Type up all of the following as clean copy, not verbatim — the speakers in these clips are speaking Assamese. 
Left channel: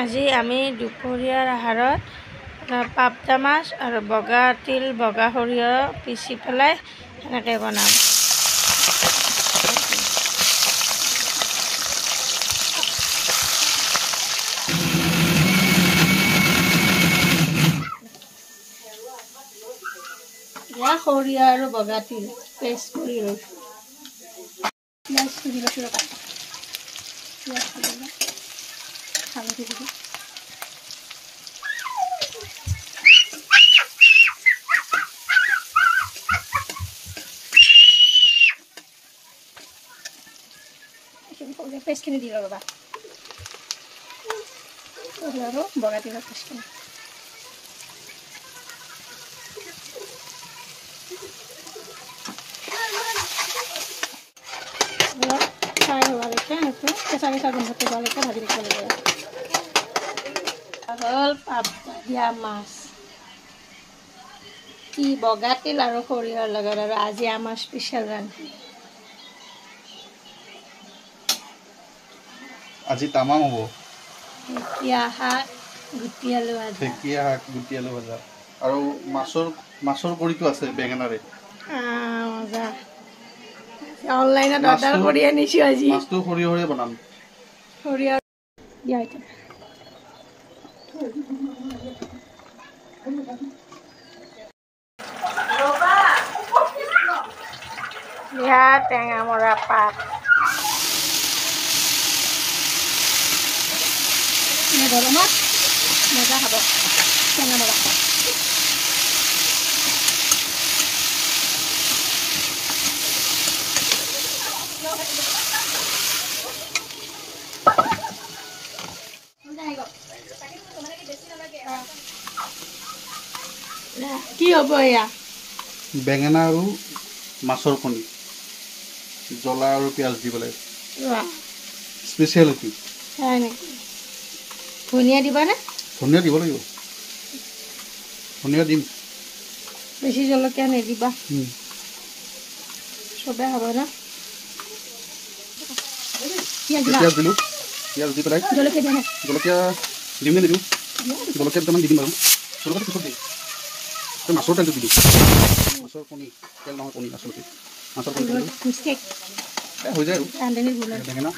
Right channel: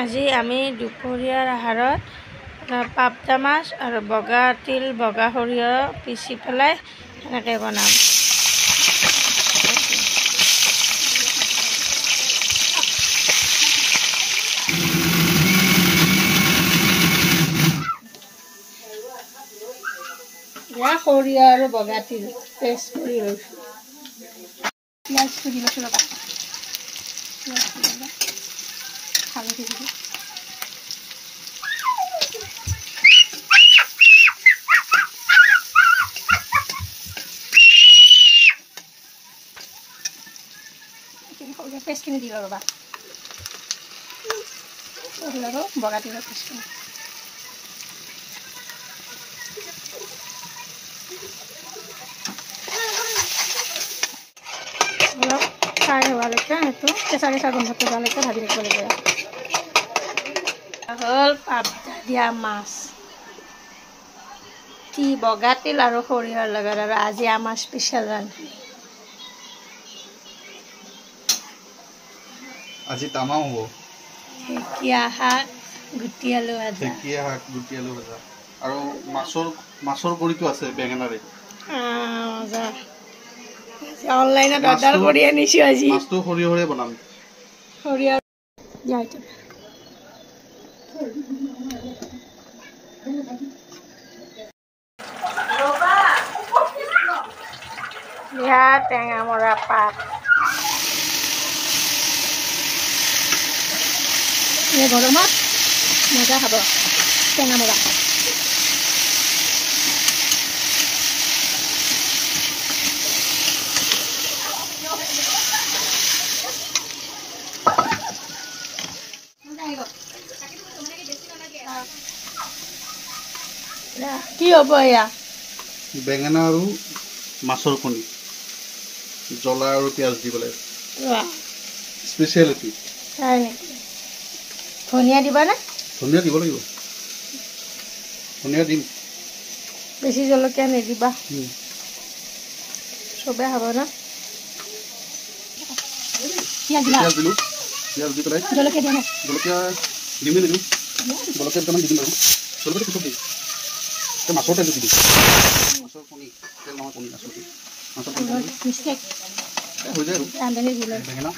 আজি আমি দুপৰীয়াৰ আহাৰত পাবদা মাছ আৰু বগা তিল বগা সৰিয়হ পিচি পেলাই এনেকৈ বনাম। সৰিয়হ আৰু বগা তিল পেষ্ট কৰি লৈছোঁ। পিঁয়াজটো দি লৈছোঁ ৰ'বা। পিঁয়াজটো দিলে হালধি দিলোঁ। পেষ্টখিনি দিলোঁ ৰ'বা। সৰিয়হ আৰু বগা তিলৰ পেষ্টখিনি। অলপ ফ্ৰাই হোৱালৈকে সেইটো কেঁচা কেঁচা গোন্ধটো যোৱালৈকে ভাজি ৰাখিব লাগিব। হ'ল পাবদা দিয়া মাছ, কি বগা তিল আৰু সৰিয়হৰ লগত, আৰু আজি আমাৰ স্পেচিয়েল ৰান্ধি। আজি তামাম হ'ব। ঢেকীয়া শাক গুটি আলু ভাজা। ঢেকীয়া শাক গুটি আলু ভাজা আৰু মাছৰ কণীটো আছে বেঙেনাৰে। মজা। অনলাইনত অৰ্ডাৰ কৰি আনিছোঁ আজি। মাছটো সৰিয়হৰে বনাম। সৰিয়হ দিয়া এইটো। টেঙা মৰা পাত গৰমত মজা হ'ব। টেঙা মৰা পাত কি হ'ব এয়া? বেঙেনা আৰু মাছৰ কণী, জ্বলা আৰু পিঁয়াজ দি পেলাই স্পেচিয়েল কি নেকি? ধনিয়া দিবানে? ধনিয়া দিব লাগিব। ধনিয়া দিম। বেছি জলকীয়া নিদিবা, চবে খাব না। পিঁয়াজ দিলোঁ। পিঁয়াজ দি পেলাই জলকীয়া দিয়া নাই? জলকীয়া দিম নে নিদিম? জলকীয়া দুটামান দি দিম বাৰু। জলকীয়া পিছত দিম। মাছৰ তেলটো দি দিম। মাছৰ কণী, তেল নহয় কণী, মাছৰ কণী। মাছৰ কণী হৈ যায় আৰু বেঙেনা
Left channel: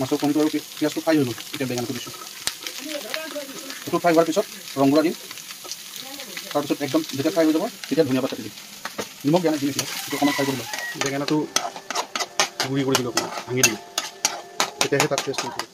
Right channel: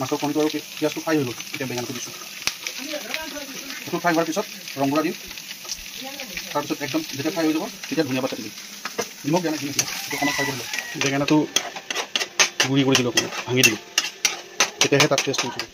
মাছৰ কণীটো আৰু পিঁয়াজটো ফ্ৰাই হৈ গ'ল। এতিয়া বেঙেনাটো দিছোঁ। সেইটো ফ্ৰাই হোৱাৰ পিছত ৰংগুৰা দিম। তাৰপিছত একদম যেতিয়া ফ্ৰাই হৈ যাব তেতিয়া ধনিয়া পাত কাটি দিম। নিমখ দিয়া নাই, দিম এতিয়া। সেইটো অকণমান ফ্ৰাই কৰি লওঁ। বেঙেনাটো গুড়ি কৰি দিলোঁ, অকণমান ভাঙি দিলোঁ, তেতিয়াহে তাত টেষ্ট উঠিব।